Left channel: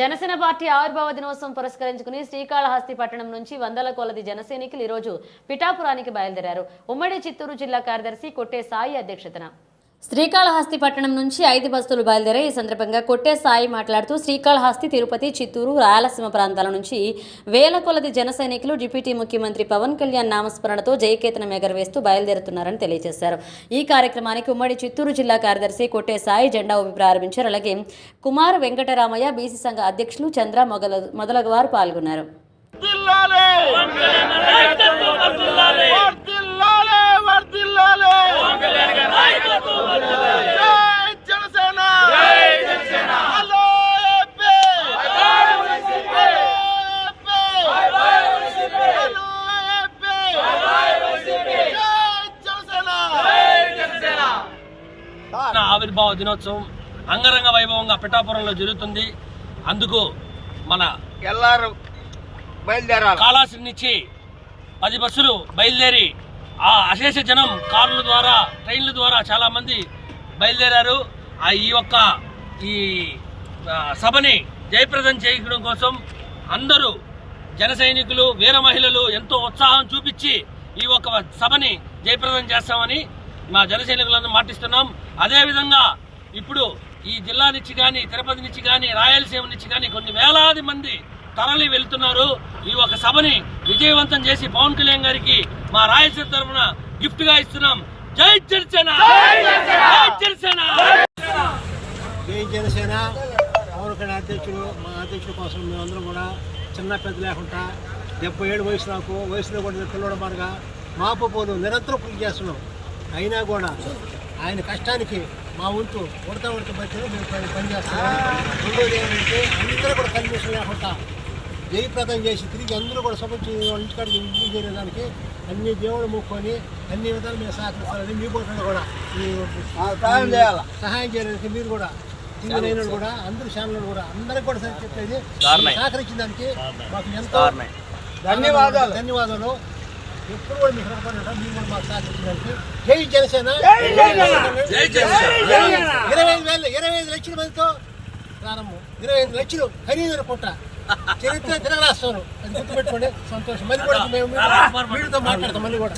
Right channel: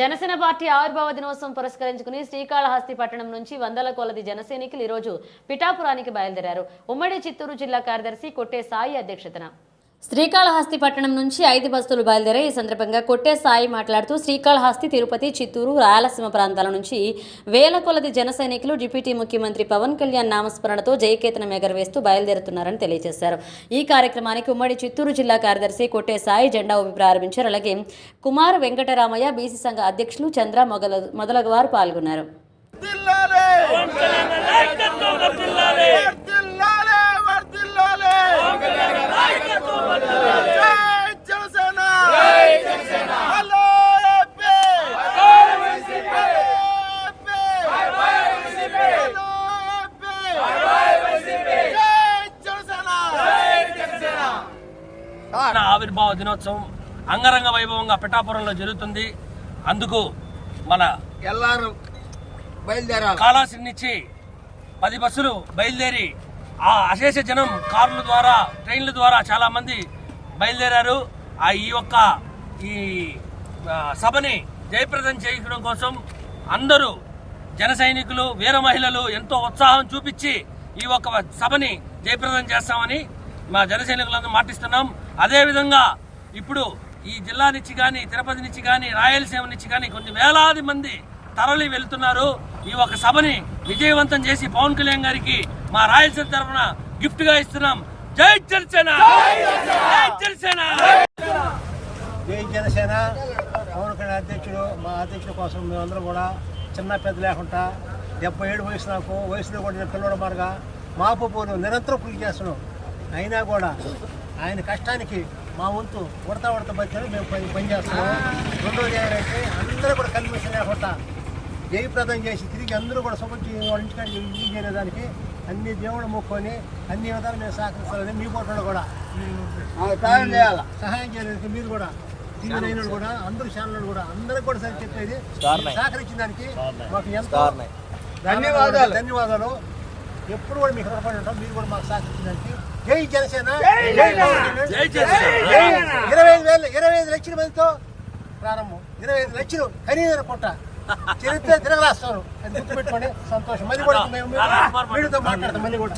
Janasena party ఆవిర్భావ దినోత్సవం పురస్కరించుకుని శ్రీకాళహస్తి పట్టణం నుంచి వందల కొలది జనసైనికులు ఈ రోజు పిఠాపురానికి బయలుదేరారు. ఉమ్మడి చిత్తూరు జిల్లా కార్యదర్శి కొట్టే సాయి అధ్యక్షతన శ్రీకాళహస్తి పట్టణం నుంచి 5 బస్సులు బయలుదేరాయి. ఈ సందర్భంగా కొట్టే సాయి మాట్లాడుతూ శ్రీకాళహస్తి, తిరుపతి, చిత్తూరు, రాయలసీమ ప్రాంతాల నుంచి వేల కొలది జన సైనికులు డిప్యూటీ ముఖ్యమంత్రి పవన్ కళ్యాణ్ నామస్మరణతో జయకేతనం ఎగరవేస్తూ బయలుదేరుతున్నారని తెలియజేశారు. ఈ కార్యక్రమానికి ఉమ్మడి చిత్తూరు జిల్లా కార్యదర్శి కొట్టే సాయి జెండా ఊపి ప్రారంభించారు. అలాగే కుమార్ వెంకటరామయ్య, బీసీ సంఘ అధ్యక్షులు చంద్ర మొదలగు వారు పాల్గొన్నారు. ఆవిర్భావ దినోత్సవం అంగరంగ వైభవంగా పిఠాపురంలో జరుగుతుంది. అందుకు మన ఎల్లారు కాళాశ్రీ నుంచి 10 బస్సులు బయలుదేరి ఆ అశేష జనం కార్ల ద్వారా, ట్రైన్ల ద్వారా చాలా మంది బయలుదేరారు. ఈ సభని జయప్రదం చేయడం కోసం అందరూ జన సైనికులు, వీర మహిళలు ఎంతో ఉత్సాహం చూపించి ఈ ఒక్క సభని జయప్రదం చేస్తామని మా జన సైనికులందరూ మాటిస్తున్నాం. అదేవిధంగా ఇప్పుడు ఈ జిల్లా నుంచి కానీ, తిరుపతి నుంచి కానీ, రాయలసీమ నుంచి కానీ కొన్ని వేలాది మంది తరలి వెళ్తున్నారు. ఈ ఒక సభని విజయవంతం చేసి పవన్ కళ్యాణ్ గారికి మా రాయలసీమ తరఫున గిఫ్ట్ గా ఇస్తున్నాం. జై జనసేన, జై జనసేన, జై జనసేన. పవన్ కళ్యాణ్ అధ్యక్షుడు, మా అధ్యక్షుడు కోసం మేమందరం కూడా చిన్న పెద్ద లేకుండా 70 ఏళ్ళు వయసులో కూడా పిల్లల మార్గా మాపోదు నిరంతరం కృషి చేస్తున్నాం. అయినా కూడా ఆయన కష్టానికి మా వంతు ఉడత పరిచయం మేము పనిచేస్తున్నాము. రెండోది ఏంటంటే అందరూ కూడా కన్మిషన్ లేకుండా జయప్రదం చేసి తిరిగి అందరూ కూడా ఇంటికాడికి ఇంటికి చేరేదానికి అన్ని దేవుడు మొక్కుకొని అన్ని విధాలు మేము సహకరిస్తామని మీ పోటీ కూడా సహాయం చేయడానికి మీరు కూడా తిరిగిన కూడా అందరూ ఛానళ్ళు కూడా అందరికి కూడా చెప్పేది సహకరించిన దానికి మాకు ఎంతో ధన్యవాదాలు. ఎప్పుడు కూడా మీకు రుణపడి ఉంటాం. మీరు కూడా మాకు సహకరించడానికి జై జనసేన, జై జనసేన. 25 లక్షల మందితో ప్రారంభం, 25 లక్షలు ఖరీదైన పుట్ట చరిత్ర తిరగరాస్తారు. అది గుర్తుపెట్టుకోండి. సంతోషం. మళ్ళీ కూడా మేము వీడితో మాట్లాడతాం. మళ్ళీ కూడా